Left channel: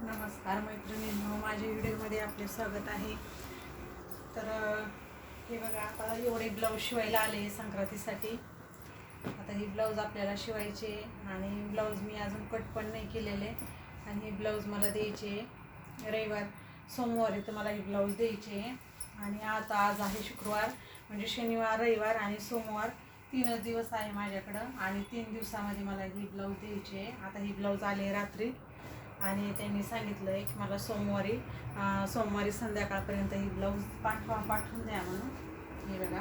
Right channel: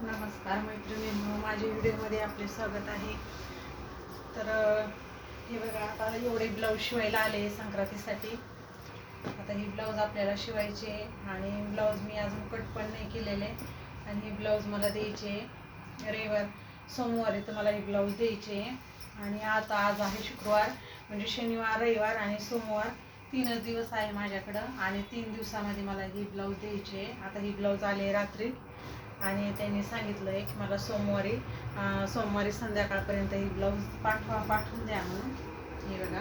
नमस्कार मैत्रिणी माझ्या व्हिडिओमध्ये आपले स्वागत आहे. तर हे बघा आता एवढे ब्लाऊज शिवायला आले संक्रांतीसाठी. आता ही ब्लाऊज आपल्याला शिवायचे आणि ब्लाऊज मी अजून कट पण नाही केलेले. आणि ही ब्लाऊज मला द्यायचे रविवार सोमवारी तुम्हाला ही ब्लाऊज द्यायचे आणि आता आज आहे शुक्रवार म्हणजे शनिवार रविवार आणि सोमवार. तीनच दिवस आहे माझ्याकडं आणि तीन दिवसामध्ये मला ही ब्लाऊज द्यायची आहे. आता ही ब्लाऊज आले रात्री. आणि त्यांनी सांगितलं आहे की मला सोमवारी सोमवारी संध्याकाळपर्यंत ही ब्लाऊज पाठवा पाठवून द्या म्हणून. हे बघा.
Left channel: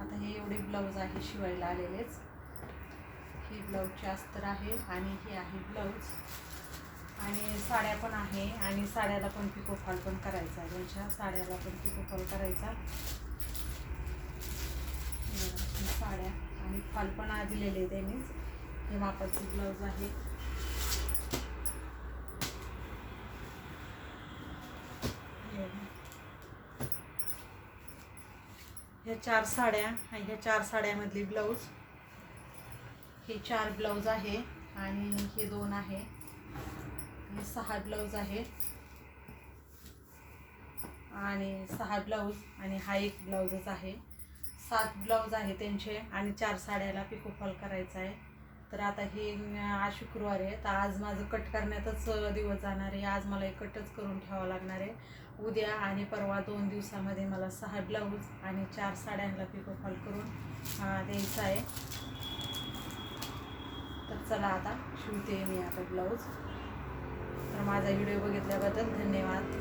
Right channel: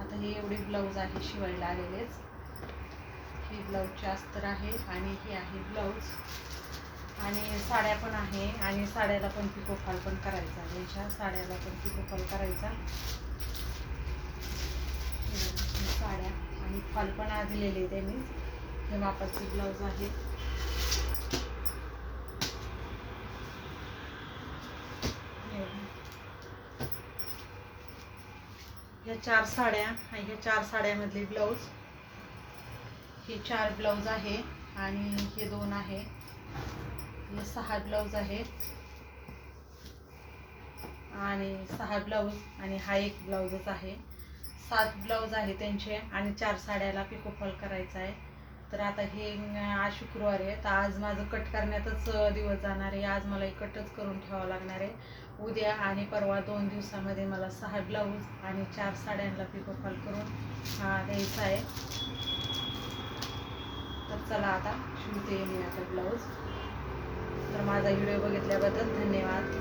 आता हे एवढी ब्लाऊज आहे शिवायला आलेलेच. ही ब्लाऊजची अस्तर आहे आणि ही आहे ब्लाऊज आणि साड्या पण आहे आणि साड्याला पण पिकोफॉल पण करायचा. त्यांच्या साड्याला पण पिकोफॉल करायचा. साड्या आणि फॉल पण आ दिलेले त्यांनीच. हे मापाचे ब्लाऊज आहे हे बघा. ह्या चार साड्या आणि ह्या चार साड्यामधली ब्लाऊज. हे चार ब्लाऊज आहे आणि हे दोन आहे. हे सहा ब्लाऊज आहे आणि सहा ब्लाऊज आणि हा एक ब्लाऊजच आहे. सात ब्लाऊज आहे त्यांचे आणि चार साड्याला पिकोफॉल करायचा आहे. तर आता हे आज शुक्रवार आहे. तर आज माझं कट करण्यातच दिवस जाणार आहे. आज मला कटच करून ठेवावं लागणार आहे. उद्या आणि परवा दोन दिवसामध्ये मला सहा ब्लाऊज आणि चार साड्यांना पिकोफॉल करून द्यायचा द्यायचं आहे. तर चला आता शिवते मी आता ब्लाऊज. तर माझा व्हिडिओ बघितल्याबद्दल धन्यवाद.